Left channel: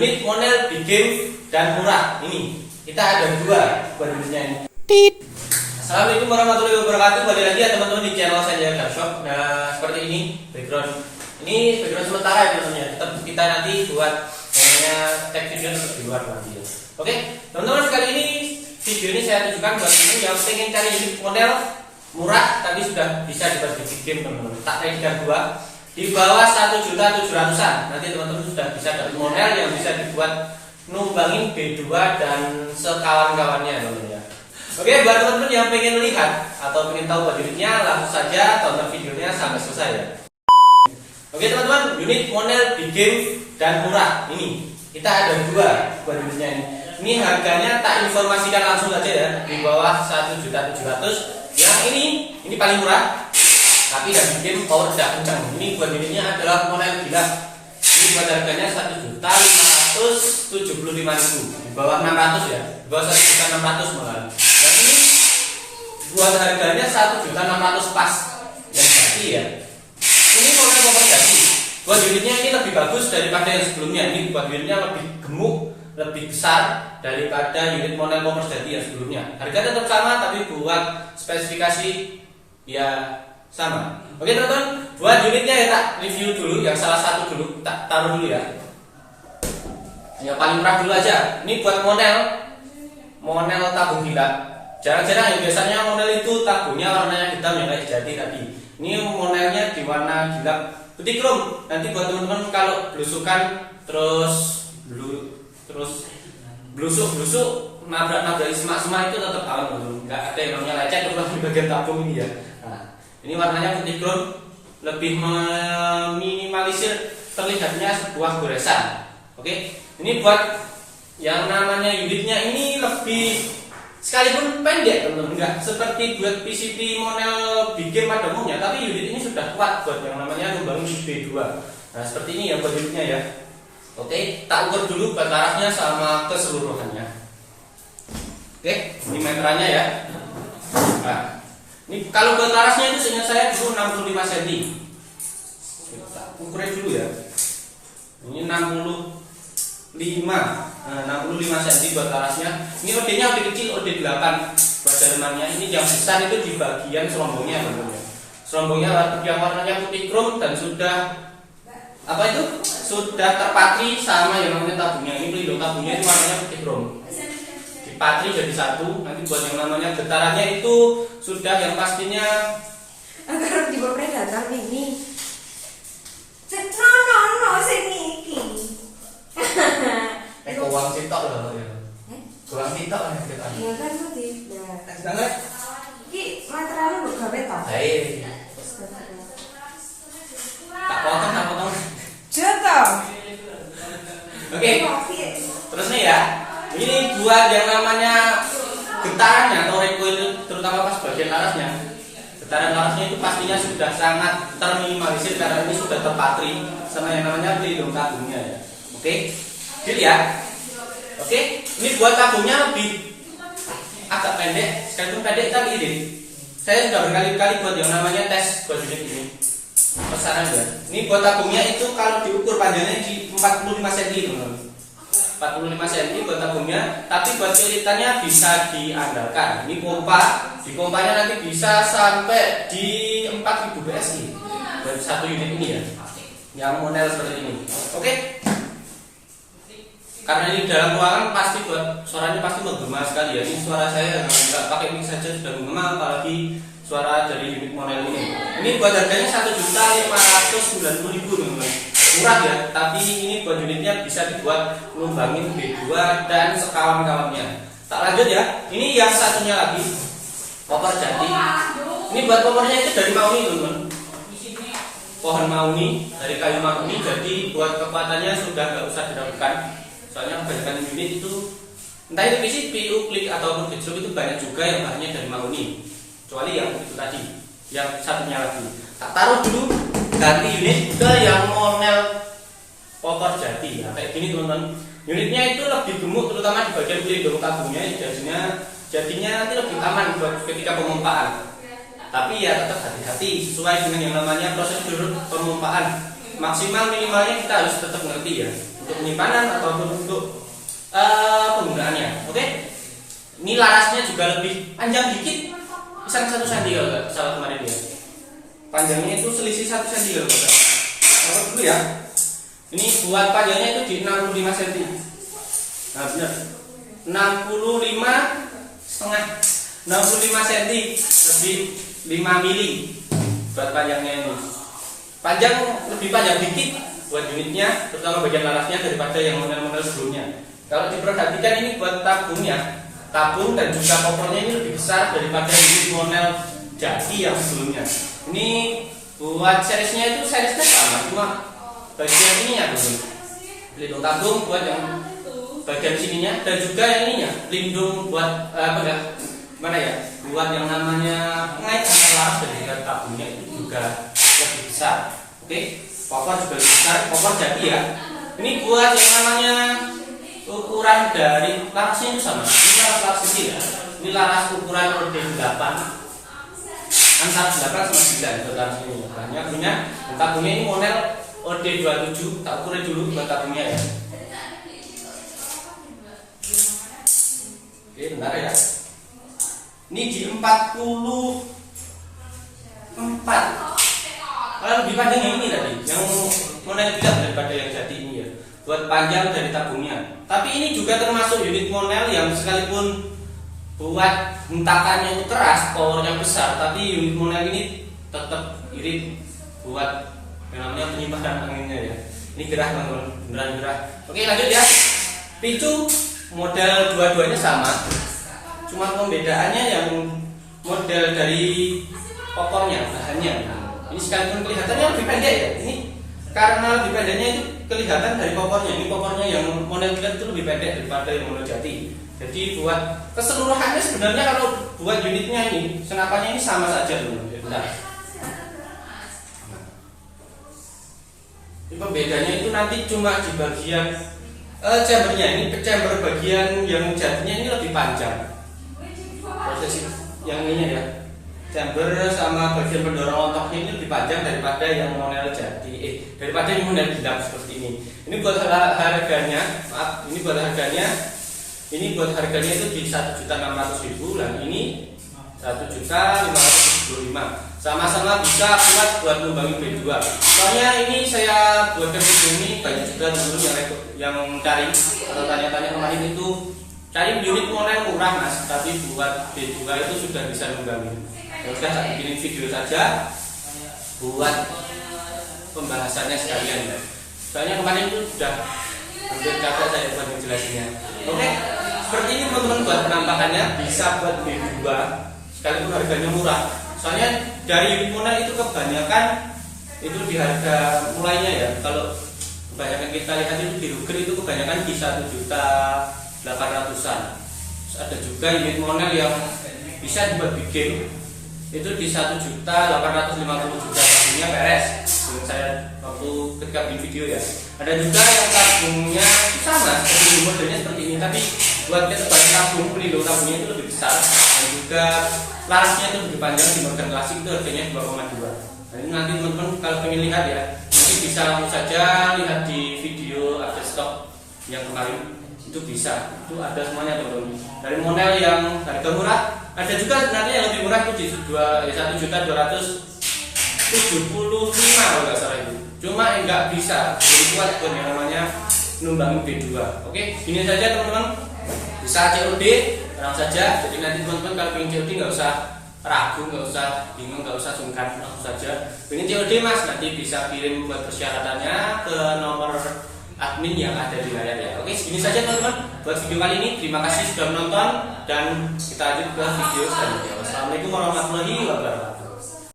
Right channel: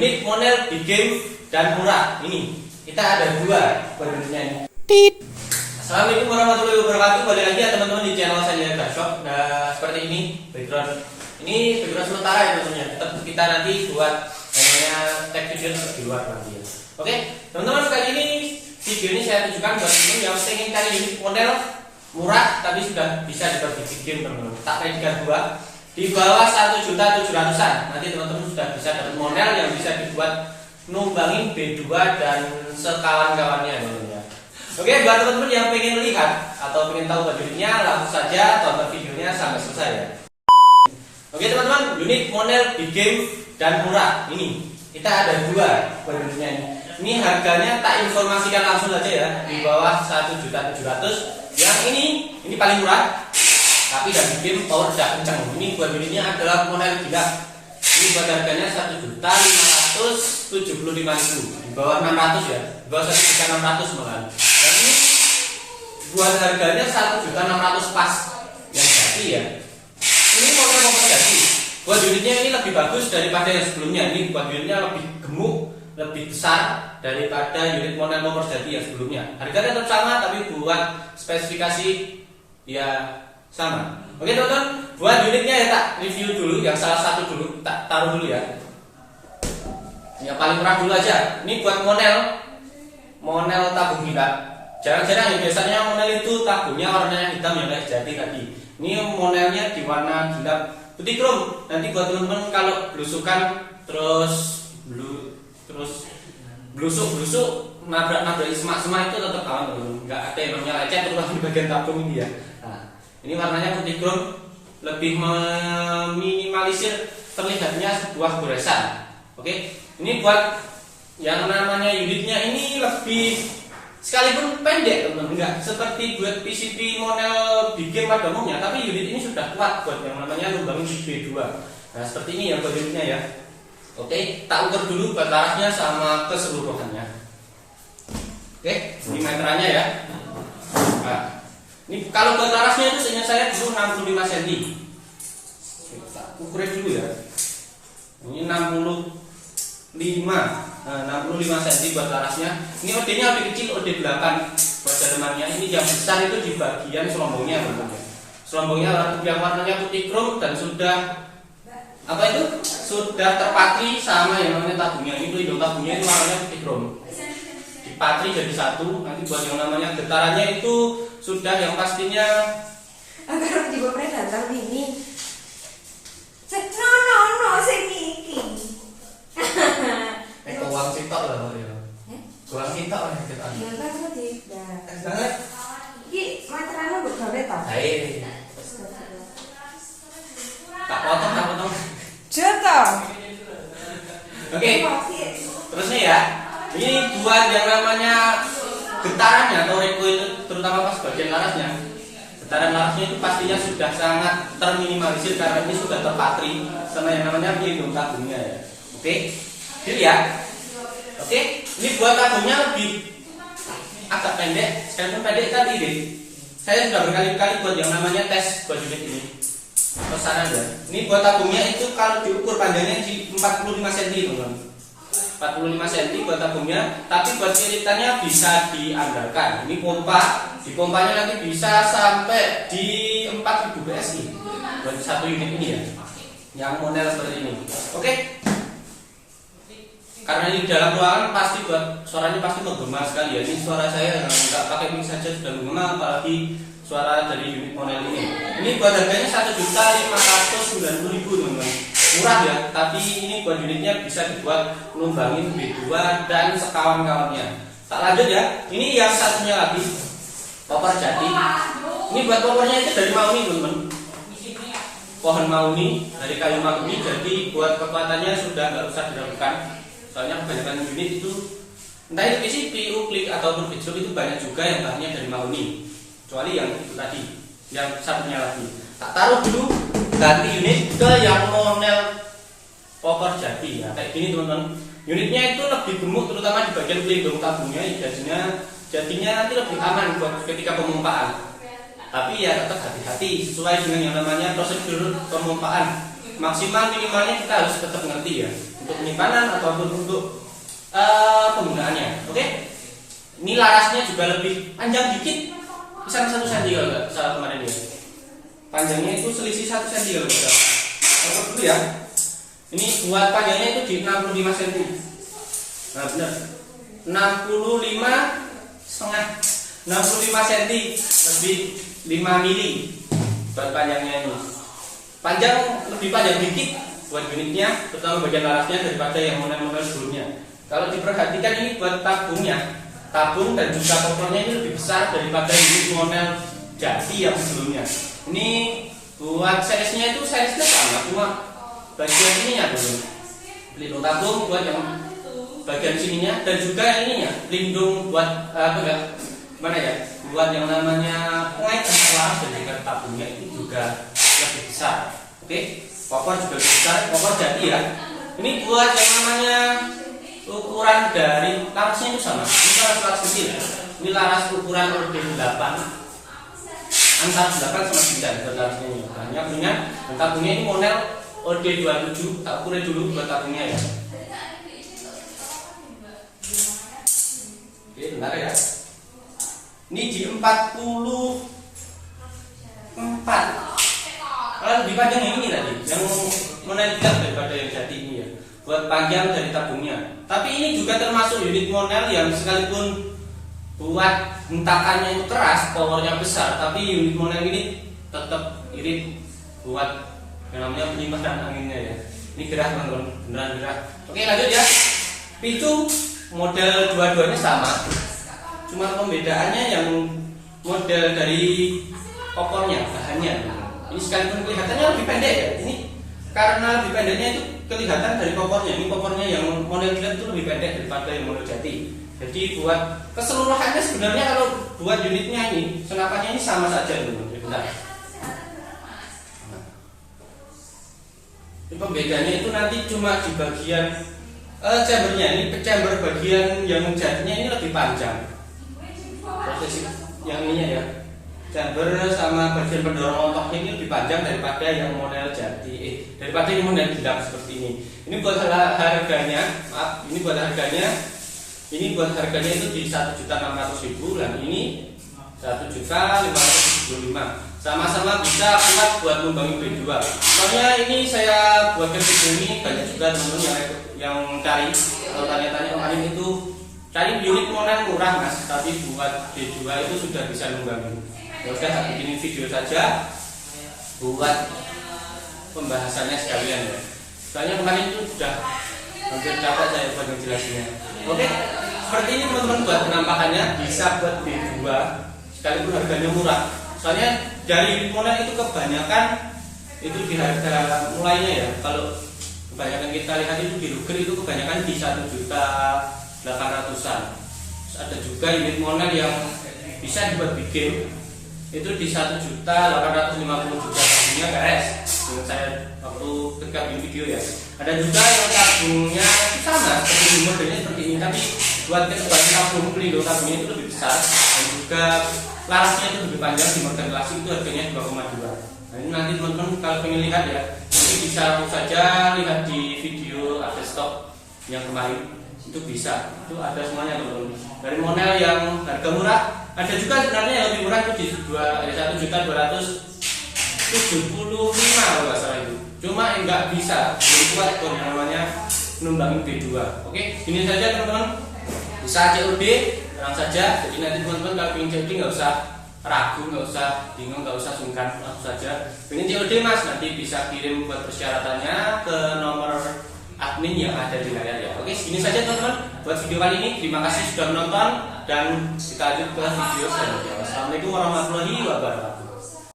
Unit model di game dan murah ini kita ada dua unitnya ini. Assalamualaikum warahmatullahi wabarakatuh. Balik lagi ya teman-teman di channel saya Shop. Nah seperti ini background. Ini background sementara ya teman-teman. Tetap kita nanti buat namanya tag video di luar nanti ya. Oke teman-teman, kali ini video ini saya tunjukkan buat teman yang pengen cari unit model murah tapi sudah bisa dibuat di game teman-teman. Tak kayak dua di bawah 1.700.000-an. Nanti teman-teman sudah bisa dapat model yang bisa dibuat numbangin B2 dan sekawan-kawannya teman-teman. Oke, buat teman-teman yang pengen lihat atau pengen tahu unitnya, langsung saja tonton videonya sampai selesai ya. Oke teman-teman, unit model di game dan murah ini kita ada dua unitnya ini. Ini harganya tak informasikan langsung saja ya, di bawah 1.700.000. Yang ini paling murah, tapi dari game power tidak kencang. Ini buat unitnya adalah model gila. Ini buat harganya 1.575.000, di bawah 600 ya, di bawah 1.600.000 malah. Dan ini buat harganya 1.600.000 pas yang jadi ya. Ini model power jadi. Buat unitnya ini lebih bagus daripada yang sebelumnya. Ini buat unitnya lebih gemuk, lebih besar daripada unit model power jadi yang sebelumnya. Harganya tetap sama, tapi buat spesifikasi ya sama. Oke teman-teman, buat unitnya ya tak review dulu, yang salah satu dulu, tak taruh dulu ya. Yang paling murah dulu aja. Ini buat model tabung gila. Jarang-jarang ya, biasanya model itu tabungnya warnanya hitam yang kayak jadi tadi. Ini modelnya di warna gila putih krom. Nanti buat teman-teman kalau belusukan terus blusuk nabrak semak itu tetap aman, nggak ada yang namanya lecet terutama di bagian tabung ini ya. Nah, ini warnanya putih krom, lebih meminimalisir terlihatnya sebuah goresan. Oke, ini buat yang namanya unitnya ini lebih sekalipun pendek teman-teman, enggak seperti buat PCB model big game pada umumnya, tapi unit ini sudah kuat buat yang namanya numbangin B2. Nah seperti ini ya buat unitnya ya. Oke, tak ukur dulu buat larasnya sama keseluruhannya. Oke, ini meterannya ya. Nah, ini kalau buat larasnya itu seingat saya dulu 65 cm. Tak ukurin dulu ya. Ini 65 cm buat larasnya. Ini OD-nya OD kecil, OD 8 buat dalemannya. Ini yang besar itu di bagian selombongnya teman-teman. Selombongnya yang warnanya putih krom dan sudah sudah terpatri sama yang namanya tabungnya. Ini pelindung tabungnya itu warnanya putih krom. Dipatri jadi satu. Nanti buat yang namanya getarannya itu sudah yang pastinya agar juga datang ini. No sing iki. Uang sitok lah Pak ya. Uang sitok lah kita. Ya kan tadi. Jangan. Iki materialnya mbok gawe to? Baik. Tak potong. Joto. Oke. Terus nih ya. Ini buat yang namanya getarannya atau recoil, terutama pas bagian larasnya. Getaran larasnya itu pastinya sudah sangat terminimalisir karena ini sudah terpatri sama yang namanya pelindung tabungnya ya. Oke. Dilihat. Oke, ini buat tabungnya lebih agak pendek, sekalipun pendek tapi ini. Saya sudah berkali-kali buat yang namanya tes buat unit ini. Pesanan ya. Ini buat tabungnya itu kalau diukur panjangnya di 45 cm teman-teman. 45 cm buat tabungnya, tapi buat pilitannya bisa diandalkan. Ini pompa, di pompanya nanti bisa sampai di 4000 PSI buat satu unit ini ya. Yang model seperti ini. Oke. Karena ini dalam ruangan pasti buat suaranya pasti menggema sekali ya. Ini suara saya nggak pakai mic saja sudah menggema, apalagi suara dari unit model ini. Ini buat harganya 1.590.000 teman-teman. Murah ya, tapi ini buat unitnya bisa dibuat numbangin B2 dan sekawan-kawannya. Tak lanjut ya. Ini yang satunya lagi popor jati. Ini buat popornya itu dari mahoni teman-teman. Pohon mahoni dari kayu mahoni, jadi buat kekuatannya sudah nggak usah diragukan. Soalnya kebanyakan unit itu entah itu PCB, uklik ataupun kecil itu banyak juga yang bahannya dari mahoni. Kecuali yang itu tadi, yang satunya lagi. Tak taruh dulu, ganti unit ke yang model popor jadi ya. Kayak gini teman-teman. Unitnya itu lebih gemuk terutama di bagian pelindung tabungnya. Jadinya nanti lebih aman buat ketika pemompaan. Tapi ya tetap hati-hati sesuai dengan yang namanya prosedur pemompaan. Maksimal minimalnya kita harus tetap ngerti ya. untuk penyimpanan ataupun untuk penggunaannya. Oke, ini larasnya juga lebih panjang dikit, bisa 1 cm kalau nggak salah kemarin dia. Panjangnya itu selisih 1 cm kalau nggak salah. Kalau dulu ya, ini buat panjangnya itu di 65 cm. Nah benar, 65 cm lebih 5 mili buat panjangnya ini. Panjang lebih panjang dikit buat unitnya, terutama bagian larasnya daripada yang model-model sebelumnya. Kalau diperhatikan ini buat tabung dan juga kopornya ini lebih besar daripada unit model jati yang sebelumnya. Ini buat seriesnya itu seriesnya sama, cuma bagian ininya belum. Pelindung tabung buat yang bagian sininya dan juga yang ininya pelindung buat mana ya? Buat yang namanya pengait antara laras dan juga tabungnya itu juga lebih besar. Oke, kopor juga lebih besar, kopor jati ya. Ini buat yang namanya ukuran dari larasnya itu sama. Ini laras kecil ya. Ini laras ukuran OD 8 antara 8 sama 9 buat larasnya ini. Banyak dengan dan tabungnya ini model OD 27. Tak ukurin dulu buat tabungnya ya. Oke, benar ya. Ini di 44. Lebih panjang yang ini tadi, yang model tidak daripada yang jati ini ya. Buat panjang dari tabungnya. Tapi ini juga termasuk unit model yang sekalipun buat hentakannya itu keras, powernya besar, tapi unit model ini tetap irit buat yang namanya penyimpanan anginnya ya. Ini gerah teman-teman, beneran gerah. Oke, lanjut ya. Picu model dua-duanya sama. Cuma pembedaannya yang model dari kopornya, bahannya. Ini sekalipun kelihatannya lebih pendek ya. Ini karena lebih pendeknya itu kelihatan dari kopornya. Ini kopornya yang model kilat itu lebih pendek daripada yang model jati. Jadi buat keseluruhannya sebenarnya kalau buat unitnya ini senapannya ini sama saja teman-teman. Bentar. Ini pembedanya itu nanti cuma di bagian chambernya. Ini chamber bagian yang jatinya ini lebih panjang. Proses yang ininya ya, chamber sama bagian pendorong lontoknya ini lebih panjang daripada yang model jati, daripada yang model genap seperti ini. Ini buat harganya, maaf, ini buat harganya itu di 1.600.000 dan ini 1.575.000. Sama-sama bisa buat ngembangin B2. Soalnya ini saya buatkan video ini banyak juga teman-teman yang cari atau tanya-tanya kemarin itu cari unit model murah mas, tapi buat B2 itu sudah bisa ngembangin. Ya udah saya bikinin video saja buat pembahasannya sekalian ya. Soalnya kemarin itu sudah hampir capek saya buat ngejelasinnya. Oke, seperti ini teman-teman buat penampakannya, bisa buat B2 sekalipun harganya murah. Soalnya dari unit model itu kebanyakan itu di harga mulainya ya. Kalau kebanyakan kita lihat itu di Ruger itu kebanyakan di 1.800.000-an. Ada juga unit model yang bisa dibuat bikin itu di 1.850.000 tabungnya beres. Dengan saya waktu ketika bikin video ya. Ada juga yang tabungnya sama seperti modelnya seperti ini, tapi buat ketebalan tabung, pelindung tabungnya itu lebih besar dan juga larasnya itu lebih panjang. Di model klasik itu harganya 2,2. Nah ini nanti teman-teman kalau pengen lihat ya, nanti bisa langsung saja lihat di video update stok yang kemarin. Itu bisa, itu ada semuanya teman-teman. Dari model yang harga murah, ada juga sebenarnya yang lebih murah itu di 1.275.000 kalau nggak salah itu. Cuma nggak bisa, lebih kuat buat yang namanya numbangin B2. Oke, ini saja teman-teman. Bisa COD, terang saja. Jadi nanti teman-teman kalau pengen COD nggak usah ragu, nggak usah bingung, nggak usah sungkan, langsung saja. Pengen COD mas, nanti bisa kirim buat persyaratannya ke nomor admin yang ada di layar ya. Oke, segini saja teman-teman buat video kali ini. Terima kasih sudah menonton dan kita lanjut ke video selanjutnya. Wassalamualaikum warahmatullahi wabarakatuh.